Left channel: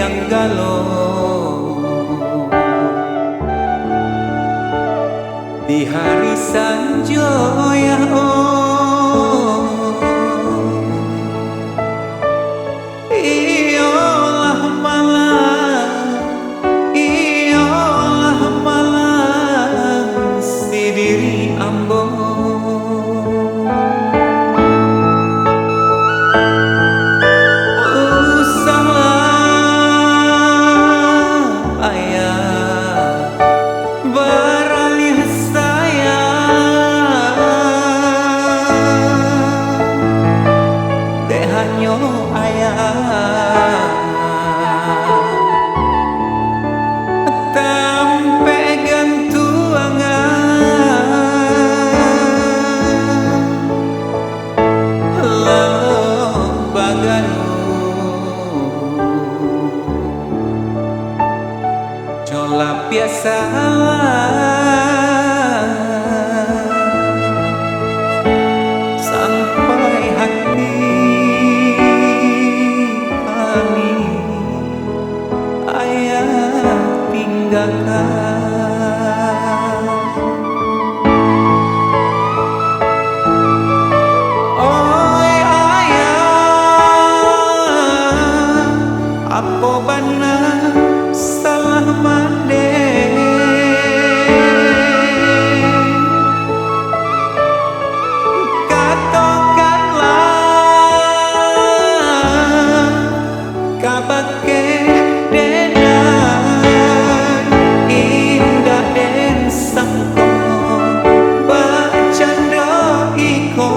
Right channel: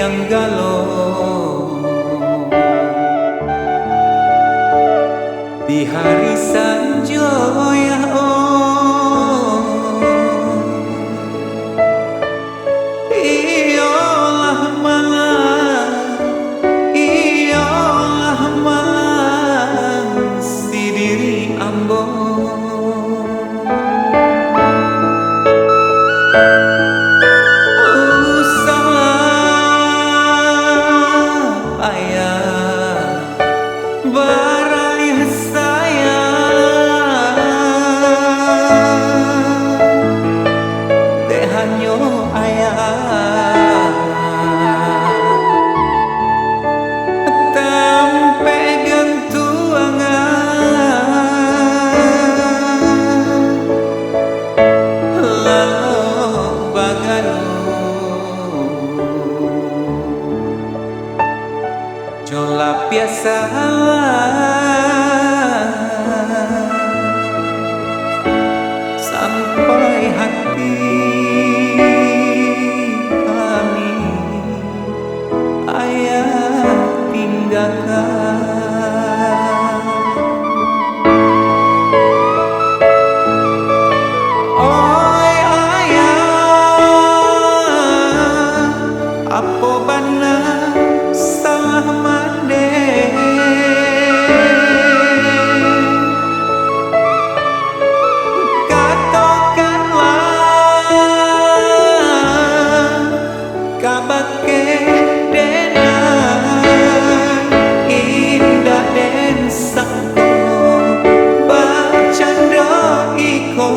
yang galau di hari sanjoya iyalah malang si diri ambo baralih saya dek hanyo ayah tempe gantuangan lalu bagalu jola biasa sampai hati kami ayah tinggalkan. Oi ayah, apa bana salah mande kabake denai indah den sangko bacanda iko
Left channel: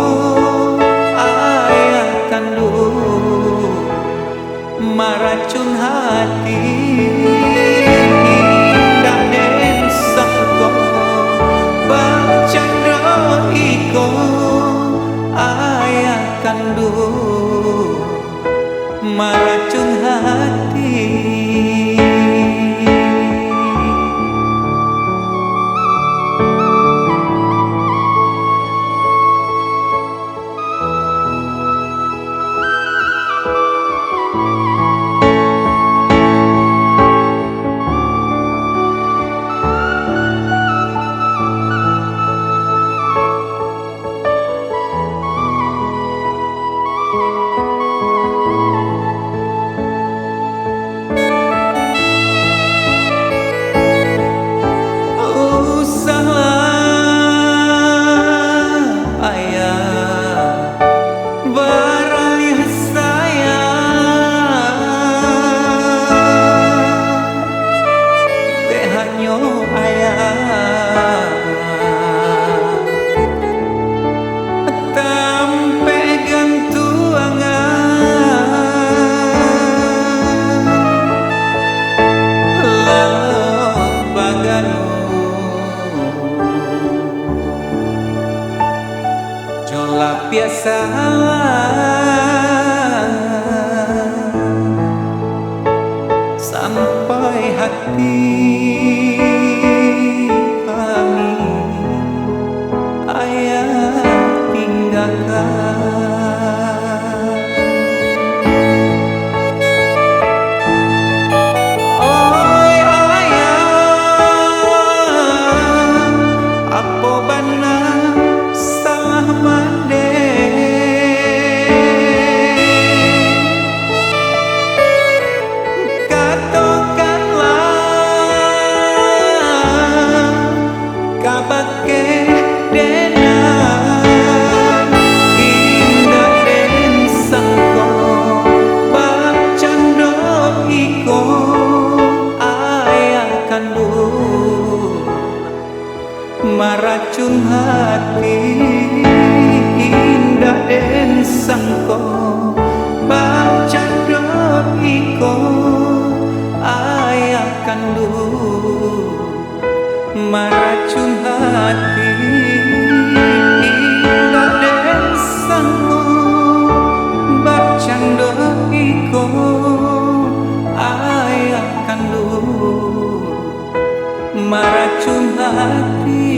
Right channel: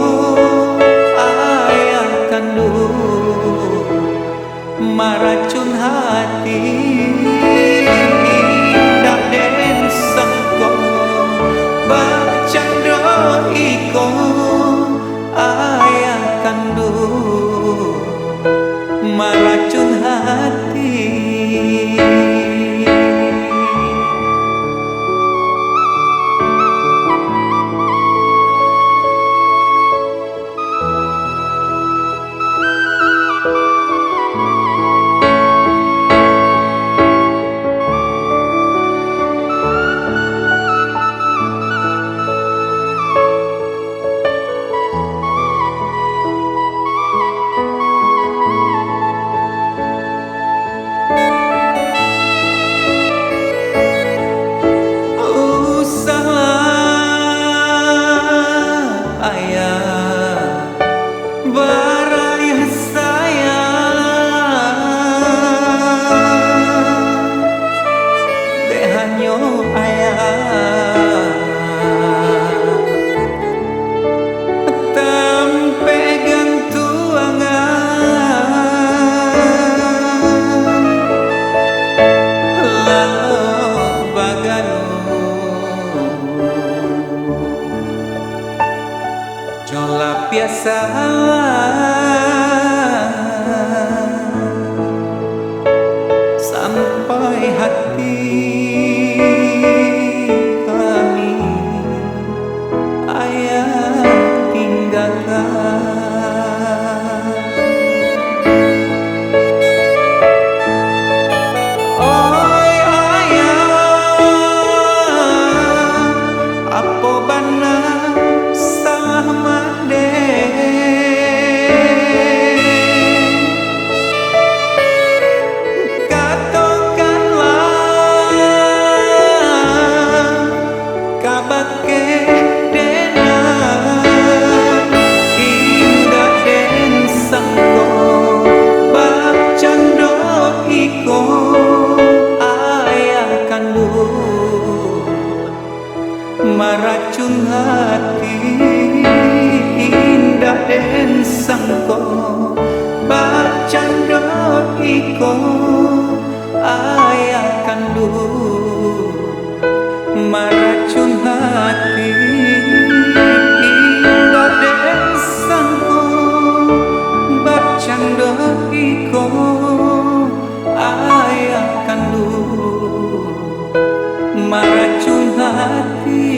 ayah kandung maracun hati indah den sangko bacanda iko ayah kandung maracun hati. Baralih saya dek hanyo ayah tempe gantuangan lalu bagalu jola biasa sampai hati kami ayah tinggalkan. Oi ayah, apa bana salah mande kabake denai indah den sangko bacando iko ayah kandung maracun hati indah den sangko bacando iko ayah kandung maracun hati indah den sangko bacando iko ayah kandung maracun hati.